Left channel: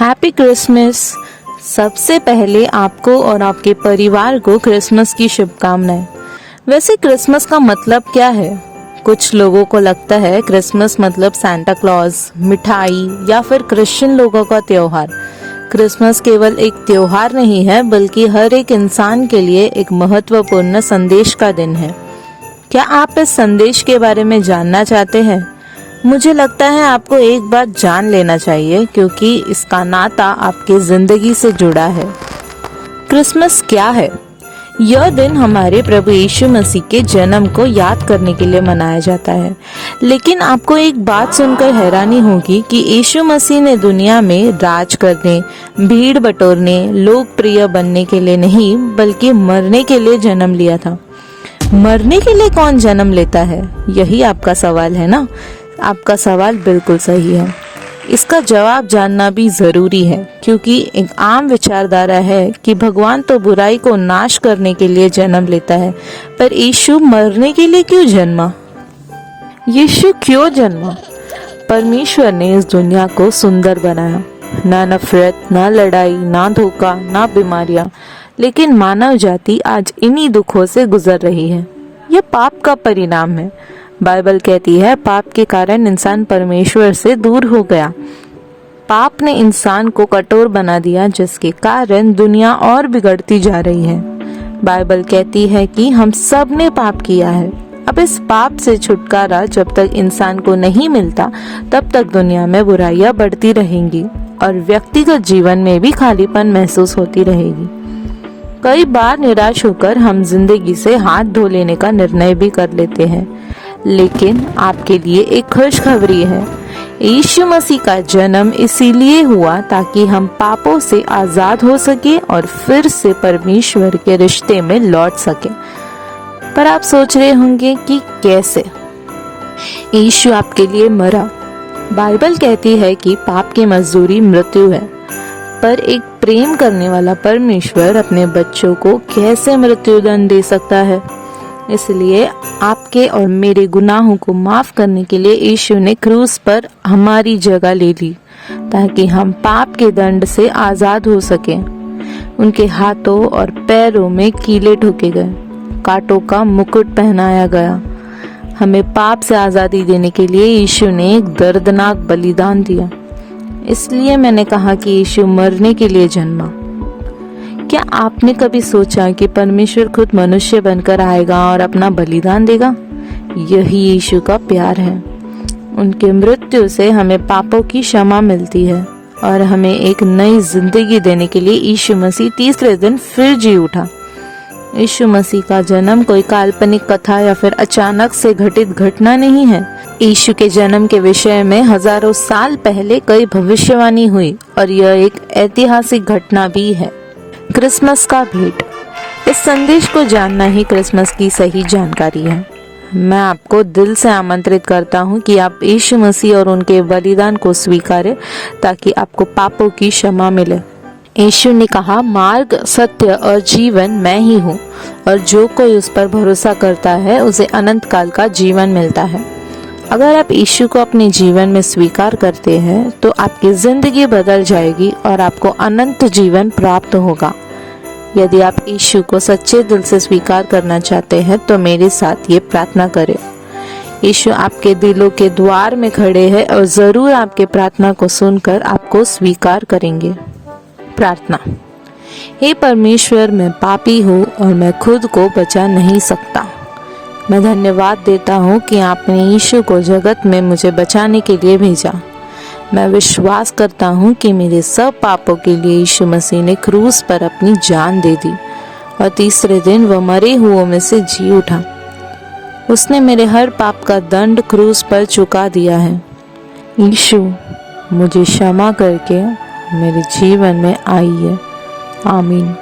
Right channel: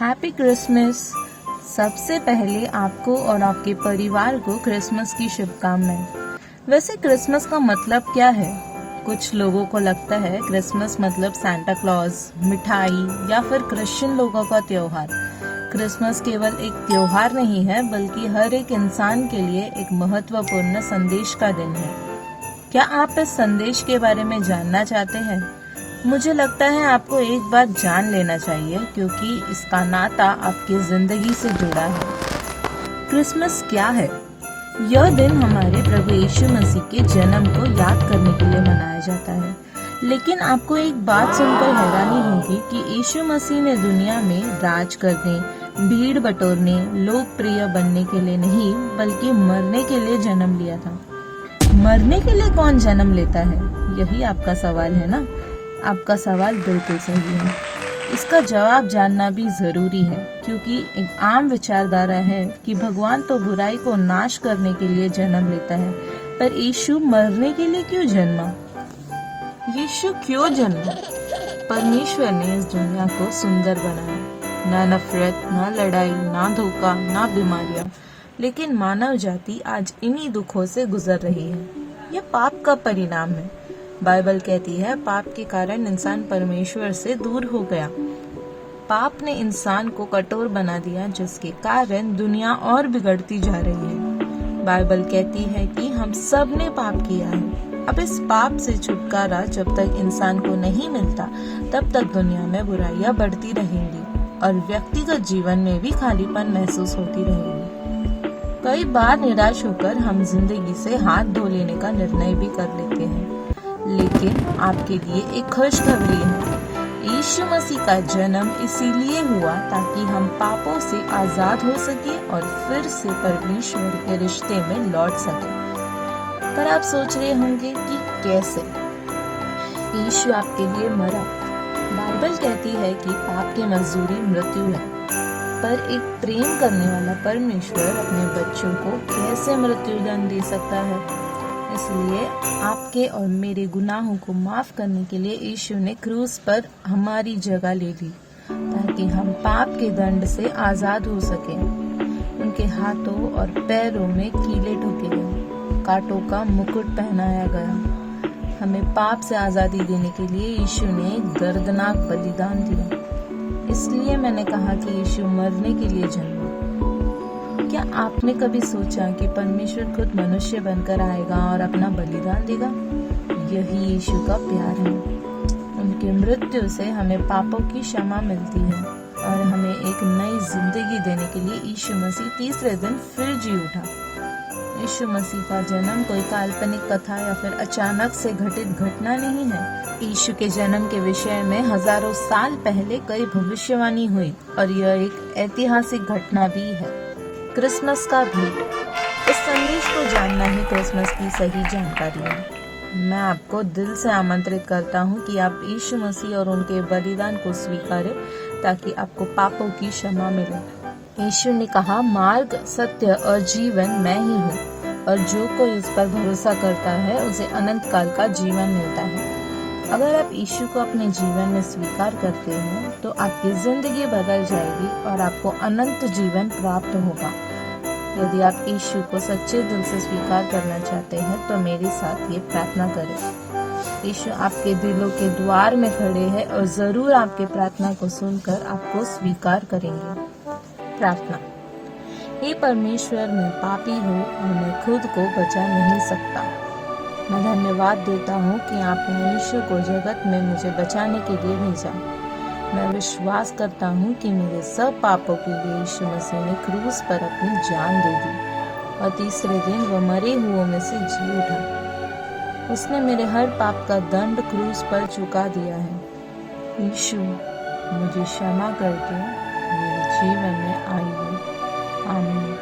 Happy Christmas. सबसे पहले आपको और आपके परिवार को क्रिसमस की शुभकामनाएं। वैसे क्रिसमस का मतलब क्या है? कुछ लोगों को लगता है क्रिसमस मतलब सांता क्लॉज, मिठाई या फिर क्रिश्चियन लोगों का त्योहार। क्रिसमस केवल एक त्योहार नहीं है, बल्कि हर एक इंसान के लिए एक महत्वपूर्ण संदेश का दिन है। क्या आप इस संदेश के बारे में जानना चाहते हैं? मुझे लगता है आपको एक बात जान लेना चाहिए, क्योंकि इसका नाता आपके जिंदगी से जुड़ा है। क्रिसमस क्या है? यह दिन हमारे प्रभु यीशु मसीह के जन्म को याद करने के लिए मनाया जाता है। लेकिन आपको एक बात सुनकर हैरानी होगी कि यीशु मसीह ने दुनिया में राज करने, भीड़ बटोरने, लोकप्रिय बनने के लिए नहीं, बल्कि मरने के लिए जन्म लिया था। मरने के लिए कौन जन्म लेता है? यही आपका सवाल है ना? आपका सवाल बिल्कुल सही है। इसका जवाब जानना भी जरूरी है, क्योंकि एक आम विचारधारा है कि भगवान तो बुराई को नाश करने के लिए जन्म लेता है, पर यीशु मरने के लिए क्यों जन्मा? यीशु क्यों जन्मा? परमेश्वर ने इस दुनिया को सुंदर बनाया। ना नफरत, ना लड़ाई, ना धोखा, ना बीमारियां। लेकिन मानव जाति आज इन्हीं दुखों से गुजर रही है। यह पाप का परिणाम है। बाइबल कहती है पाप के कारण इंसान परमेश्वर से दूर हो गया। पाप ने इंसान को कठोर बना दिया, जिसके कारण दुनिया और बिगड़ती जा रही है। बाइबल कहती है कि हम सब ने पाप किया है। अब इस पाप से छुटकारा जब तक इंसान को नहीं मिलता, तब तक दुनिया में बुराइयां बढ़ती रहेंगी और व्यक्तिगत जीवन में भी खालीपन महसूस होती रहेगी। कई बार निराश होकर हम जिंदगी से हाथ धो लेने का निर्णय भी कर लेते हैं। लेकिन आपके लिए एक खुशखबरी है। यीशु मसीह का जन्म इसीलिए हुआ ताकि हम पापों से आजाद हो सके और फिर से परमेश्वर के रिश्ते में लौट सके। पर आप सोच रहे होंगे कि कैसे? यीशु आपके लिए मरा। बाइबल कहती है कि पाप की मजदूरी मृत्यु है, पर एक प्रेम करने वाला परमेश्वर अपने बच्चों को कैसे मृत्युदंड दे सकता है? इसलिए आपके और मेरे गुनाहों को माफ करने के लिए यीशु ने क्रूस पर हमारी जगह ले ली, ताकि हम पाप के दंड से आजाद हो सकें। उनके हाथों और पैरों में कीले ठोके गए, कांटों का मुकुट पहनाया गया। हमें पाप से आजादी देने के लिए यीशु ने एक दर्दनाक बलिदान दिया। इसलिए मैंने कहा कि यीशु मरने के लिए जन्मा। क्या आपने कभी सोचा कि परमेश्वर खुद मनुष्य बनकर आएगा और अपना बलिदान देगा? यही यीशु का प्यार है। उनके मृत्यु से हमें पापों की क्षमा मिलती है और हमें एक नई जिंदगी देने के लिए यीशु मसीह तीसरे दिन फिर जी उठा। यीशु मसीह का जन्म कोई काल्पनिक कथा या फिर अचानक से घटित घटना नहीं है। यीशु के जन्म के विषय में हजारों साल पहले कई भविष्यवाणी हुई और यह एक ऐतिहासिक घटना भी है। क्रिसमस का भेंट। इस संदेश को जानना ही क्रिसमस की सही जानकारी है। मैं आपको दिल से आमंत्रित करता हूँ कि आप यीशु मसीह और उनके बलिदान को स्वीकारें, ताकि आपको पापों की क्षमा मिले। यीशु ने कहा, मार्ग, सत्य और जीवन मैं ही हूँ, और जो कोई उस पर भरोसा करता है उसे अनंत काल का जीवन मिलता है। अगर आप यीशु को अपने जीवन में स्वीकार करते हैं तो आपकी जिंदगी बदल जाएगी और आपको अनंत जीवन प्राप्त होगा। यदि आप यीशु को सच्चे दिल से स्वीकार करना चाहते हैं तो मेरे साथ ये प्रार्थना करें। यीशु आपके दिलों के द्वार में खड़े हैं और जरूर आपके प्रार्थना को सुनकर आपको स्वीकार करेंगे। प्रार्थना। हे परमेश्वर, मैं पापी हूँ और मैं खुद को बचा नहीं सकता। मैं धन्यवाद देता हूँ कि आपने यीशु को जगत में मुझे बचाने के लिए भेजा। मैं विश्वास करता हूँ कि मेरे सब पापों के लिए यीशु मसीह ने क्रूस पर अपनी जान दे दी और तीसरे दिन वह मरे हुओं में से जी उठा। उसने मेरे हर पाप का दंड क्रूस पर चुका दिया है। यीशु, मुझे क्षमा करके मेरे जीवन में आइए। आमीन।